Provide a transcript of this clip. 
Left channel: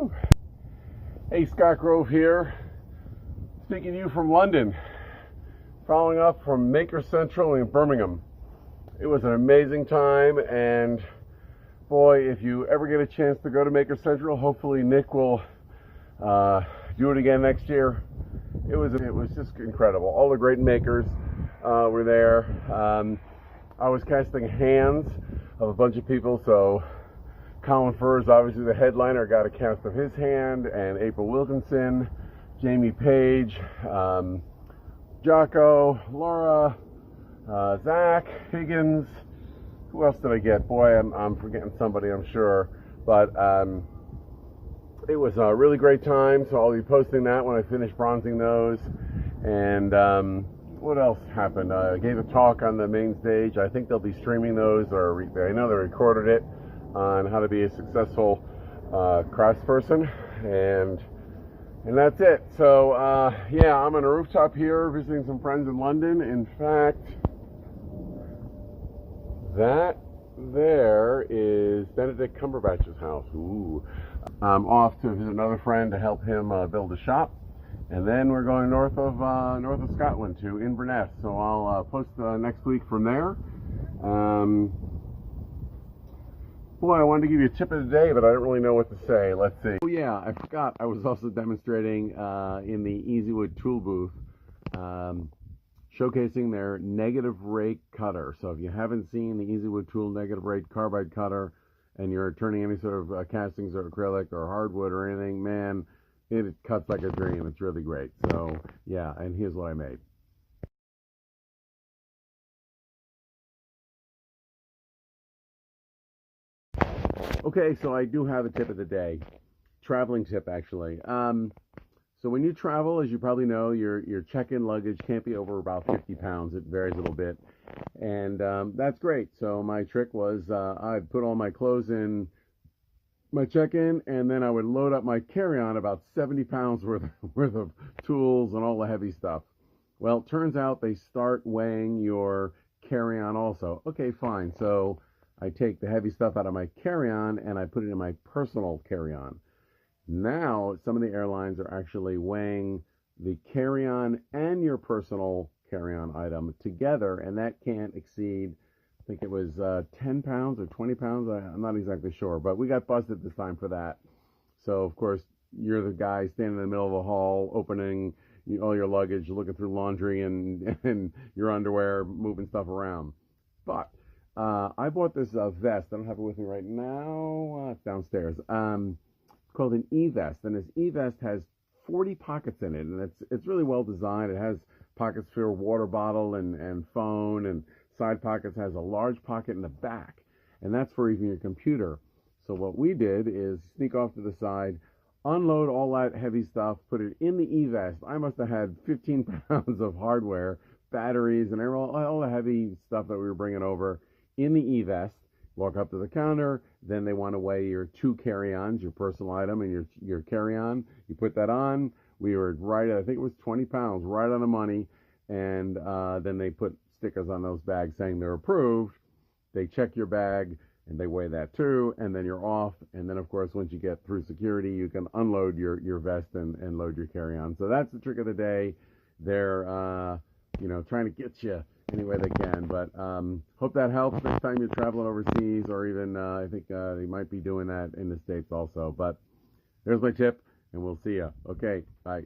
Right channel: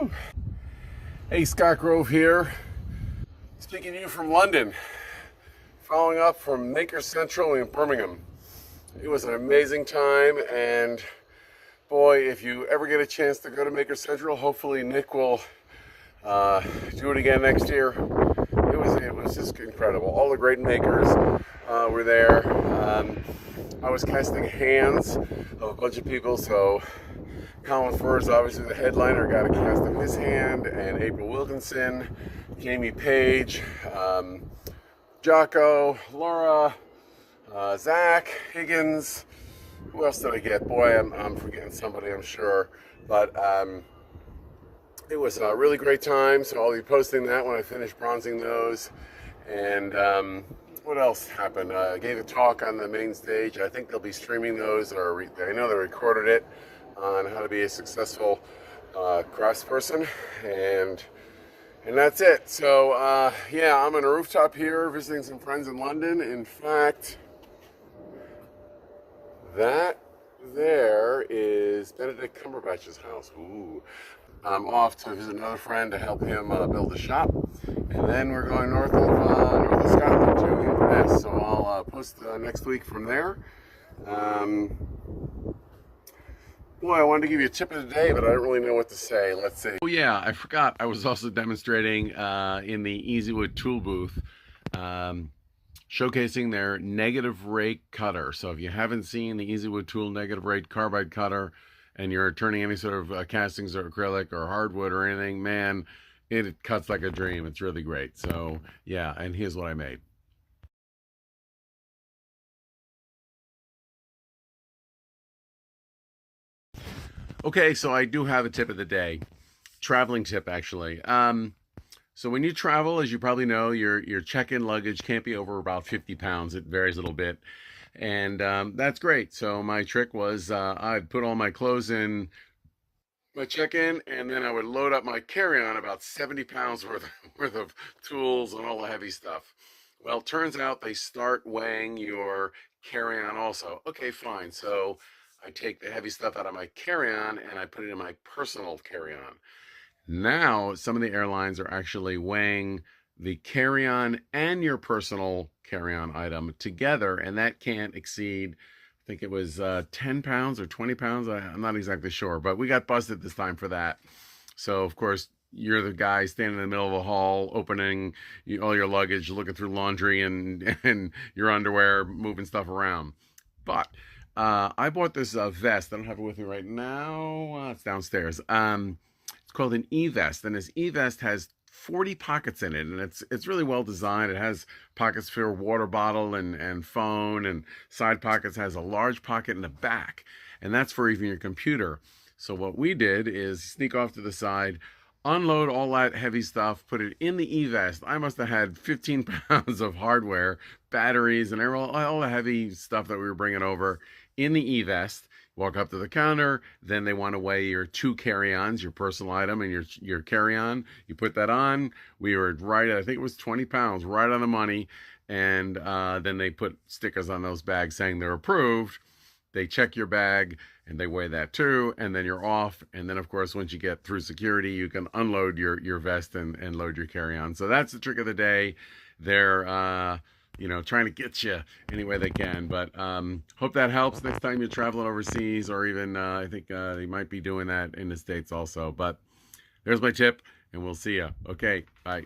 Woo. Hey, Scott Grove here, speaking to you from London, following up from Maker Central in Birmingham. It was an amazing time, and boy, if you ever get a chance to go to Maker Central, hopefully Nick will do it again next year. It was just incredible. All the great makers were there. I was casting hands of a bunch of people, so Colin Furze, obviously the headliner, got a cast of his hand, and April Wilkinson, Jamie Page, Jocko, Laura, Zach Higgins. Who else did I get? Boy, I'm forgetting somebody, I'm sure. But it was a really great time, so I'll be posting that when I finish bronzing those. And what else happened? I gave a talk on the main stage. I think they'll be streaming those, or I know they recorded it, on how to be a successful craftsperson, and that's it. So yeah, I'm on a rooftop here visiting some friends in London. In fact, that there is Benedict Cumberbatch's house. Ooh. I'm off to visit another friend to help him build a shop, and then we're going north of Scotland to Inverness. So I'll post next week from there. Boy, I wanted to give you a tip of the day, but I don't really know what to say. Let's see. Oh yeah, I forgot. I was also demonstrating in the Easywood tool booth, showcasing their negative rake cutter. So if you haven't seen the Easywood tool negative rake carbide cutter, and you're turning any sort of castings or acrylic or hardwood or anything, man, it cuts like a dream. It's really great. So yeah, and here's what I made. Okay, so I do have a tip of the day. Traveling tip, actually. So when you travel, as you probably know, your check-in luggage can't be over about 50 pounds. It varies a little bit, and that's great. So my trick was I'd put all my clothes in my check-in, and then I would load up my carry-on, about 70 pounds worth of tools and all the heavy stuff. Well, turns out they start weighing your carry-on also. Okay, fine. So I take the heavy stuff out of my carry-on and I put it in my personal carry-on. Now, some of the airlines are actually weighing the carry-on and your personal carry-on item together, and that can't exceed, I think it was 10 pounds or 20 pounds. I'm not exactly sure, but we got busted this time for that. So, of course, you're the guy standing in the middle of a hall, opening all your luggage, looking through laundry and your underwear, moving stuff around. But I bought this vest. I don't have it with me right now. It's downstairs. It's called an e-vest, and this e-vest has 40 pockets in it, and it's really well designed. It has pockets for your water bottle and phone, and side pockets. Has a large pocket in the back, and that's for even your computer. So what we did is sneak off to the side, unload all that heavy stuff, put it in the e-vest. I must have had 15 pounds of hardware, batteries, and all the heavy stuff that we were bringing over in the e-vest. Walk up to the counter, then they want to weigh your two carry-ons, your personal item and your carry-on. You put that on. We were right at, I think it was 20 pounds, right on the money. And then they put stickers on those bags saying they're approved. They check your bag and they weigh that too, and then you're off. And then, of course, once you get through security, you can unload your vest and load your carry-on. So that's the trick of the day. They're trying to get you any way they can. But hope that helps next time you're traveling overseas, or even I think they might be doing that in the States also. But there's my tip, and we'll see you. Okay, bye.